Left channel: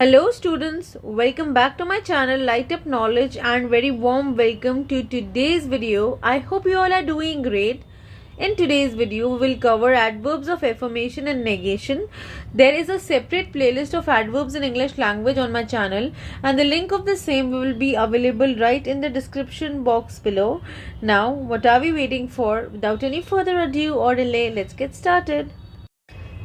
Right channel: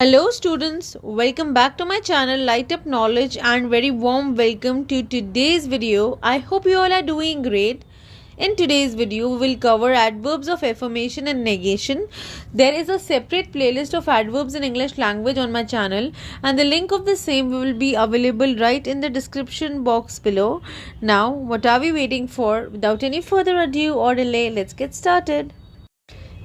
Hello students, welcome back to my channel Lightup Knowledge and very warm welcome to today's video. I hope you all are doing great. In today's video, we will cover adverbs of affirmation and negation. There is a separate playlist of adverbs in English language on my channel and the link of the same will be available right in the description box below. Now, what are we waiting for? Without any further ado or delay, let's get started.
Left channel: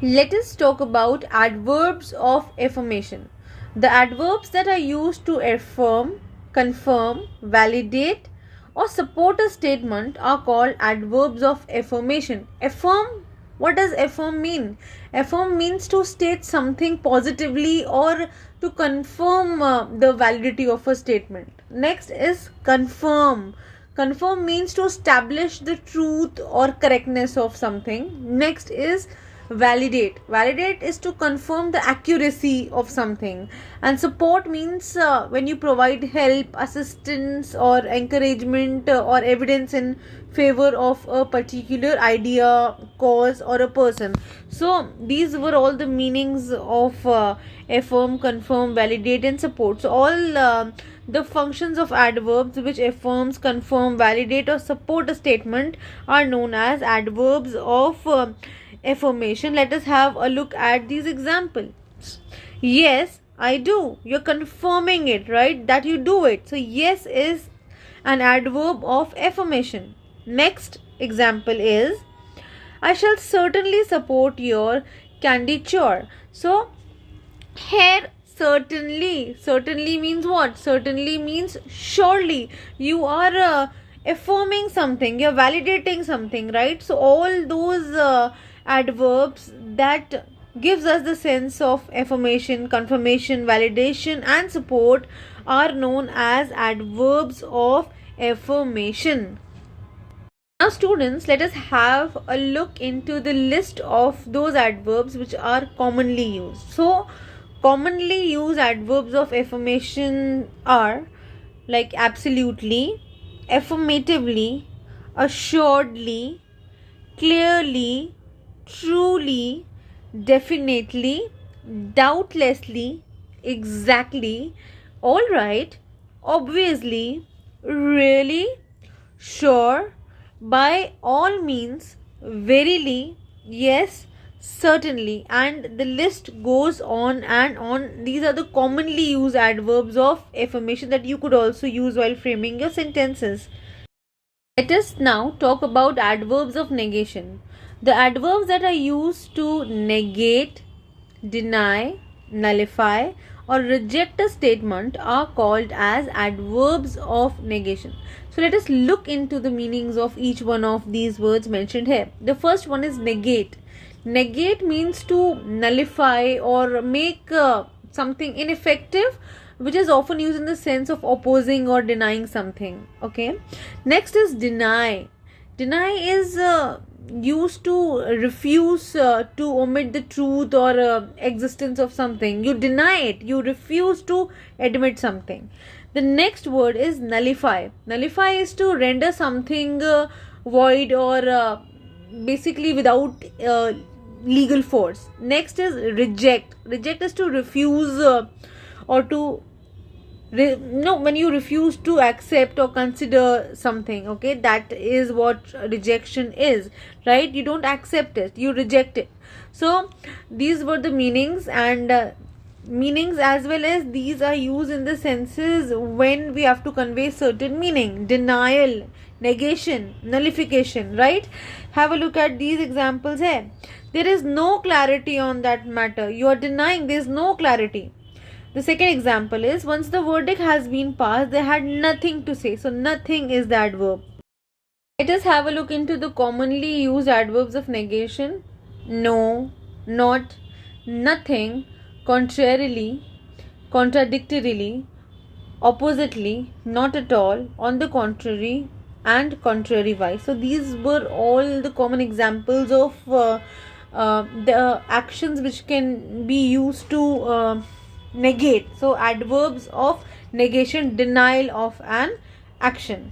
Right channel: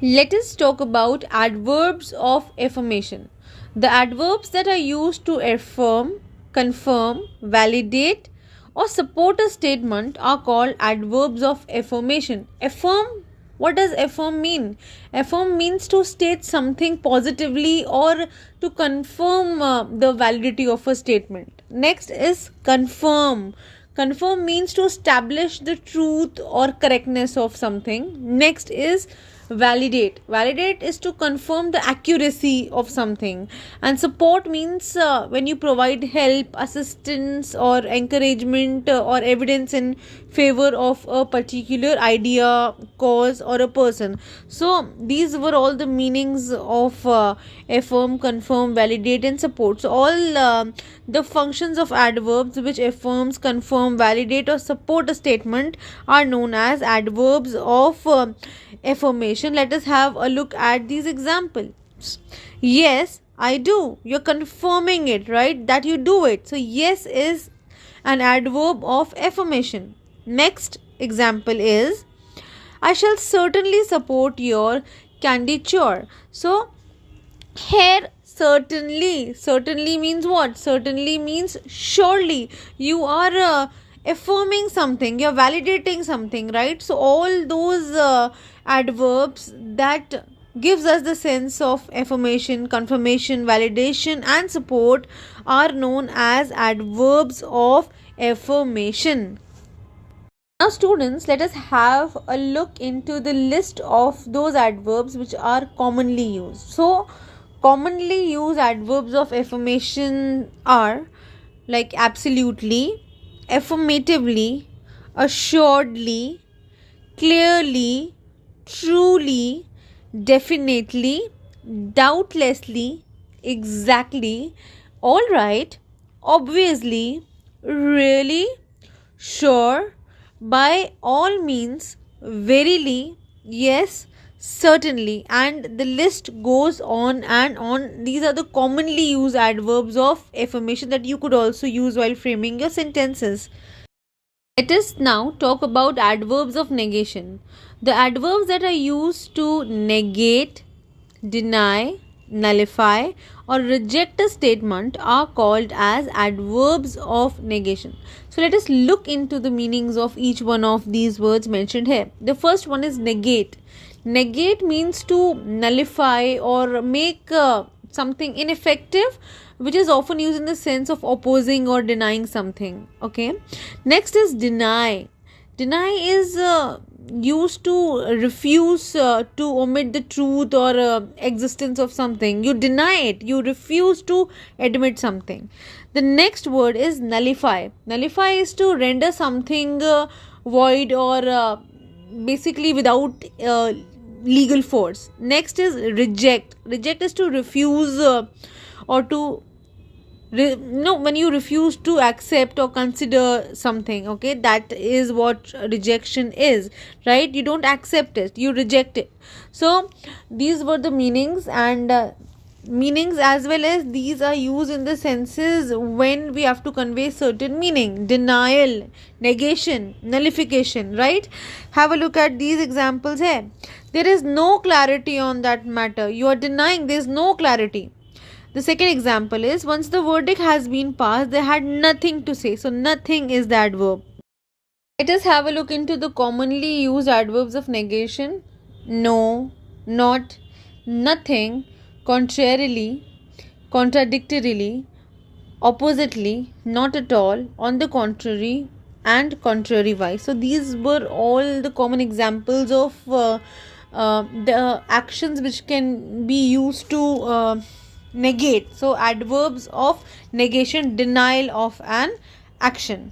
Let us talk about adverbs of affirmation. The adverbs that are used to affirm, confirm, validate, or support a statement are called adverbs of affirmation. Affirm, what does affirm mean? Affirm means to state something positively or to confirm the validity of a statement. Next is confirm. Confirm means to establish the truth or correctness of something. Next is validate. Validate is to confirm the accuracy of something, and support means when you provide help, assistance, or encouragement or evidence in favor of a particular idea, cause, or a person. So these were all the meanings of affirm, confirm, validate, and support. So all the functions of adverbs which affirms, confirm, validate, or support a statement are known as adverbs of affirmation. Let us have a look at these examples. Yes, I do. You're confirming it, right? That you do it. So yes is an adverb of affirmation. Next example is I shall certainly support your candidature. So here certainly means what? Certainly means surely. You are affirming something, you're validating something, right? So all those adverbs that gives us the sense of affirmation, confirmation, validation, and support are known as adverbs of affirmation. Now students, let us have a look into the list of those adverbs which are commonly used. So commonly used adverbs of affirmation are like absolutely, affirmatively, assuredly, clearly, truly, definitely, doubtlessly, exactly, all right, obviously, really, sure, by all means, verily, yes, certainly, and the list goes on and on. These are the commonly used adverbs of affirmation that you could also use while framing your sentences. Let us now talk about adverbs of negation. The adverbs that are used to negate, deny, nullify, or reject a statement are called as adverbs of negation. So let us look into the meanings of each one of these words mentioned here. The first one is negate. Negate means to nullify or make something ineffective, which is often used in the sense of opposing or denying something. Okay. Next is deny. Deny is used to refuse to omit the truth or existence of something. You deny it. You refuse to admit something. The next word is nullify. Nullify is to render something void or basically without legal force. Next is reject. Reject is to refuse or to when you refuse to accept or consider something. Okay, that is what rejection is, right? You don't accept it, you reject it. So these were the meanings, and meanings as well as these are used in the senses when we have to convey certain meaning: denial, negation, nullification, right? Have a look at these examples here. There is no clarity on that matter. You are denying, there is no clarity. The second example is once the verdict has been passed, they had nothing to say. So nothing is the adverb. Let us have a look into the commonly used adverbs of negation. No, not, nothing, contrarily, contradictorily, oppositely, not at all, on the contrary, and contrariwise. So these were all the common examples of the actions which can be used to negate. So adverbs of negation, denial of an action.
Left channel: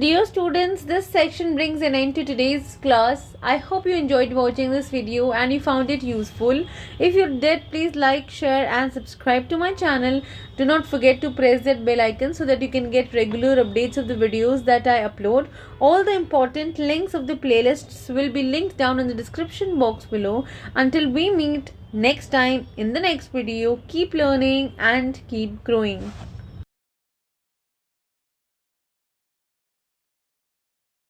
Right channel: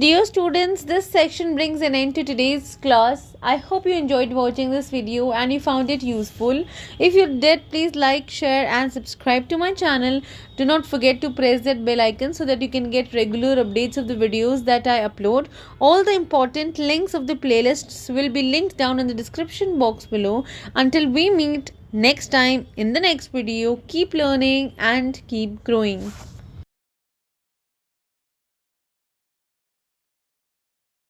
Dear students, this section brings an end to today's class. I hope you enjoyed watching this video and you found it useful. If you did, please like, share and subscribe to my channel. Do not forget to press that bell icon so that you can get regular updates of the videos that I upload. All the important links of the playlists will be linked down in the description box below. Until we meet next time in the next video, keep learning and keep growing.